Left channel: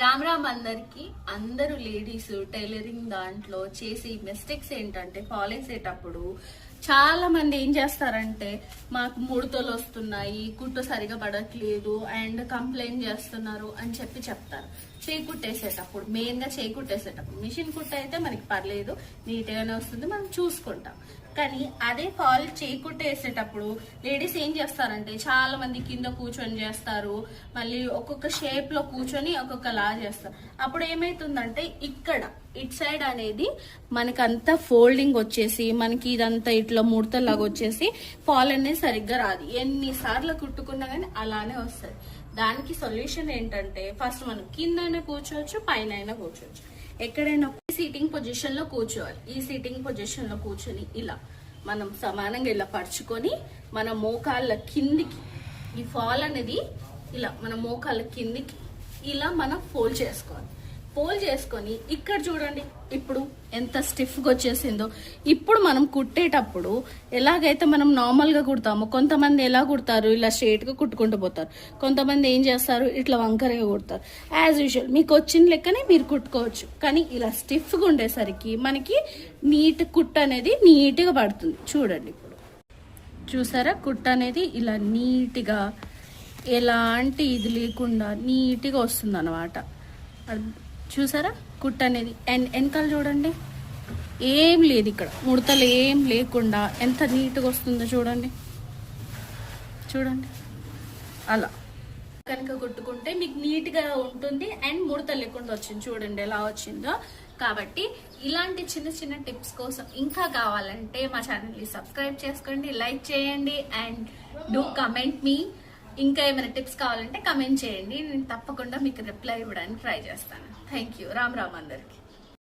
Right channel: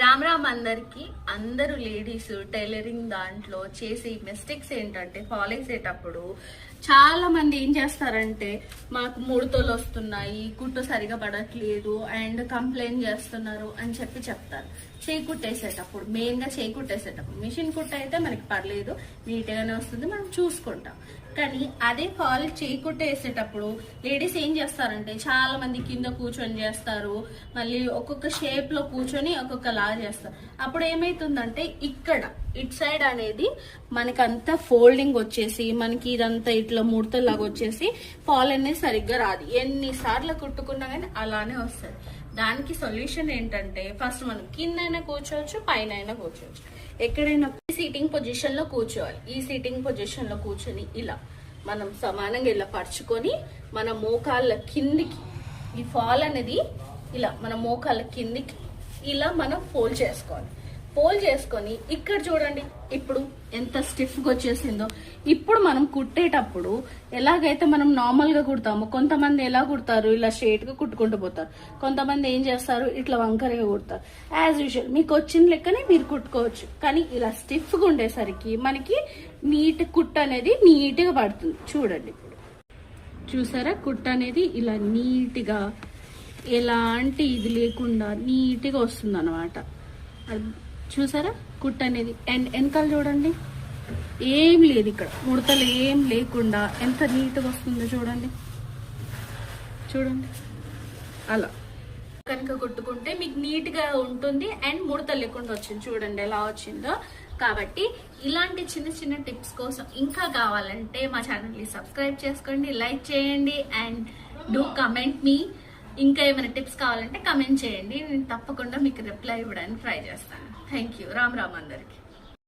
రామ్ రామ్ అందరికి. అందరూ ladies tailoring దాంట్లో చేసే మిస్టేక్స్ ఏంటంటే ఫాలో చేసేటప్పుడు చాలా మంది ఏం చేస్తారంటే మాకు ముడతలు వస్తున్నాయి, కుట్టు సరిగా పడట్లేదు అండ్ కంప్లైంట్ చేస్తున్నారు అని చెప్తారు. చేయి కుట్టేసేటప్పుడు మెయిన్ గా చేయి కుట్టేసేటప్పుడు మిషన్ కుట్ట అయితే మనకి పర్లేదు, నీట్ గానే వస్తుంది, మనం చూసుకుంటాం. కానీ అదే ఫాల్ చేయి కుట్టేసేటప్పుడు లేడీస్ ఏం చేస్తారంటే చాలా మంది కింద కూర్చొని చేస్తారు, మళ్ళీ ఒక్కొక్క షేప్ లో కూర్చొని ఒక్కొక్క లా చేస్తారు. అప్పుడు ఏమైతుందంటే ఇక్కడ ఇట్ సైడ్ అనేది మనకంతా ఫోల్డింగ్ వచ్చేసి మనకి ఇదంతా ఇట్లా ముడతలాగా వచ్చేసి ఫాల్ అనేది సరిగ్గా రాదు. ఎన్నిసార్లు కుట్టుకున్నా కానీ అలానే వస్తుంది. దానికి సొల్యూషన్ ఏంటంటే ఫస్ట్ మనం కిందైనా కూర్చోవచ్చు, పైన అయినా కూర్చోవచ్చు. ఎక్కడైనా సీటింగ్ పొజిషన్ లో కూర్చోవాలి. ఈ సీటింగ్ పొజిషన్ లో కూర్చొని ఇలా మనం సమానంగా ఇలా పరుచుకొని మన మోకాళ్ళ కిందికి ఈ ఫాల్ అనేది ఇలా మన మోకాళ్ళ కిందికి ఇలా మనం ఫోల్డ్ చేసుకోవాలి. ఫోల్డ్ చేసుకొని ఇక్కడ చూడండి ఇప్పుడు ఎంత స్టిఫ్ గా వచ్చేసిందో. ఇప్పుడు మనం కుట్టేటప్పుడు ఎలాగైతే మనం నార్మల్ గా కుడతామో, కొంతమంది ఎలా కుడతారు ఇలా స్ట్రేట్ గా కుట్టుకుంటూ పోతారు, కొంతమంది ఏం చేస్తారు ఇట్లా వంకరగా కుడతారు. యాజ్ యూజువల్ మీకు వచ్చిన లెక్కనే మీరు కుట్టుకోవచ్చు. కానీ ఇలా స్టిఫ్ గా ఉండేసరికి మనకి నీట్ కుట్టు అనేది నీట్ గా పడుతుంది. చూడండి ఇప్పుడు చూసారా, కుట్టు అనేది ఇలా నీట్ గా ఎలాంటి ఇది లేకుండా నీట్ గా వస్తుంది అన్నమాట. చూసారా కుట్టు అనేది. అండ్ వెనకాల చూడండి ఏం లేదు, ఇక్కడ ముడతలు ఏం లేకుండా ఎంత నీట్గా వస్తుందో చూడండి. చూడండి అలా కనుక కుట్టుకుంటే మీకు నీట్గా ఉంటుంది అండ్ ముడతలు లేకుండా వచ్చింది. చూడండి ఎలా వచ్చిందో. కాబట్టి ఇలాంటి చిన్న చిన్న టిప్స్ కోసం ఇంకా కావాలంటే మా ఛానల్ని సబ్స్క్రైబ్ చేసుకోండి, లైక్ చేయండి అండ్ డూ కమెంట్ మీ. ఇంకా ఏమైనా టిప్స్ కావాలంటే కమెంట్ చేయండి, నేను తప్పకుండా మీకు రిప్లై ఇవ్వడానికి ట్రై చేస్తాను. Thank you. రామ్ రామ్ అందరికి.